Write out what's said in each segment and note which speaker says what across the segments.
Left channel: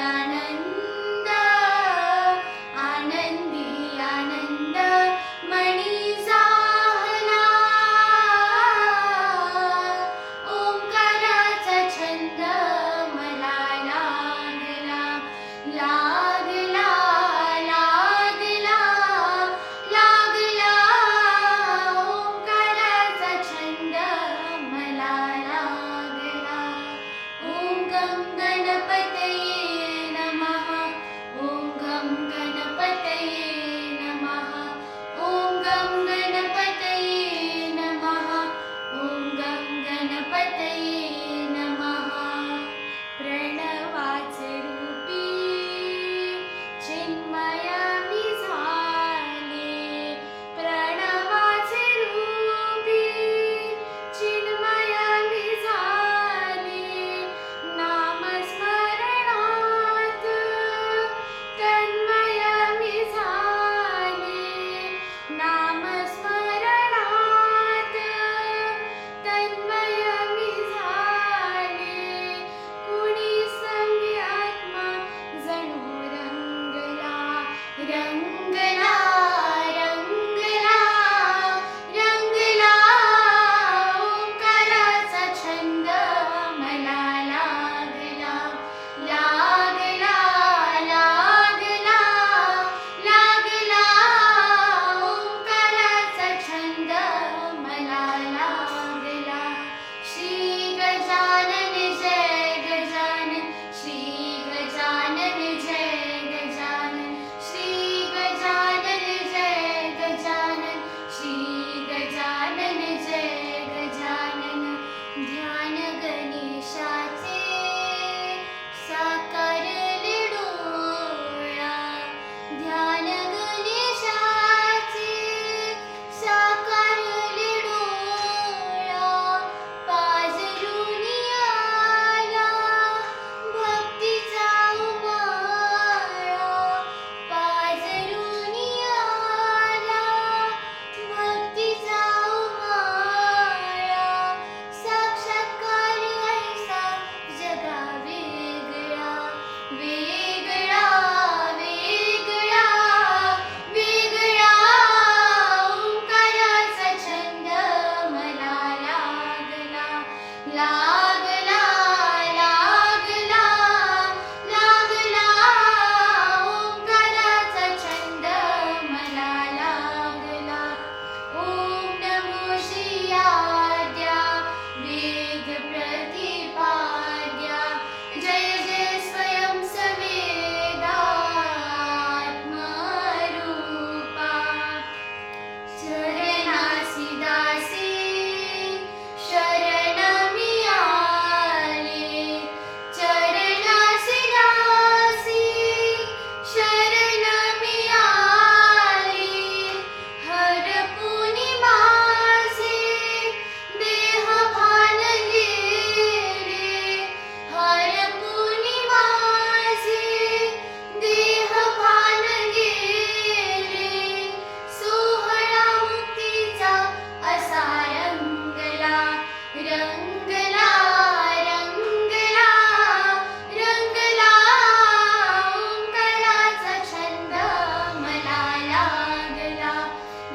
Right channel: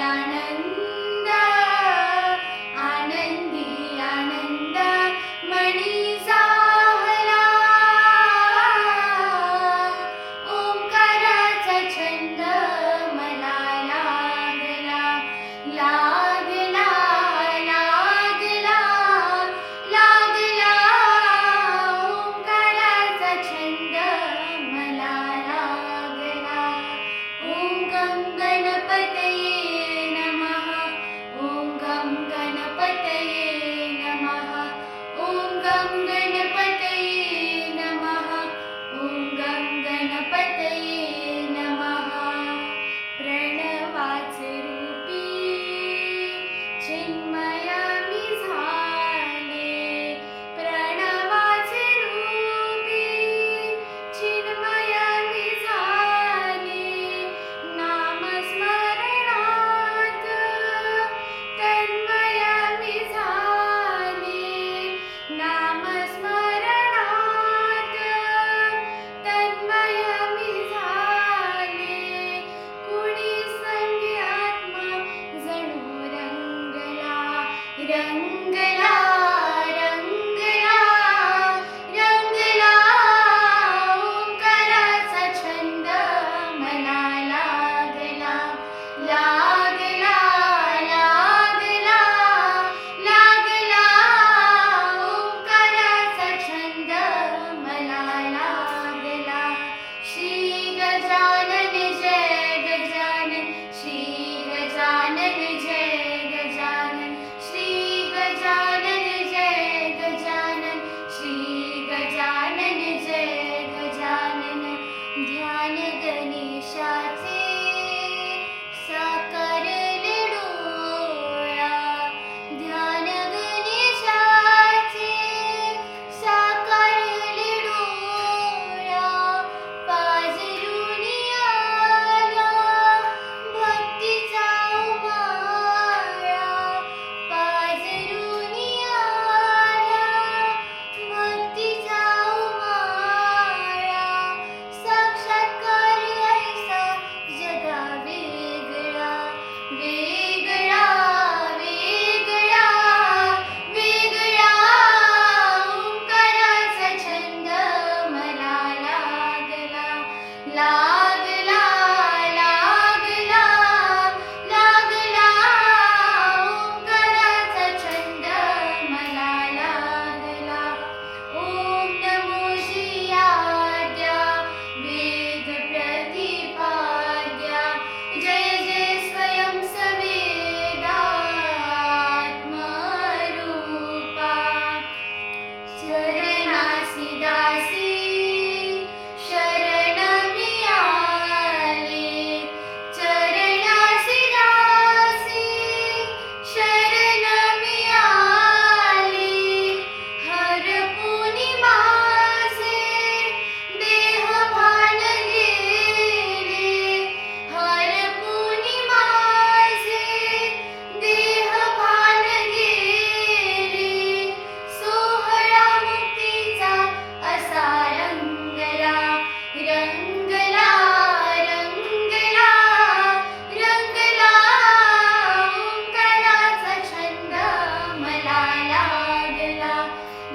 Speaker 1: ധ്യാനങ്ങൾ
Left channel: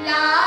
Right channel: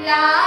Speaker 1: Love.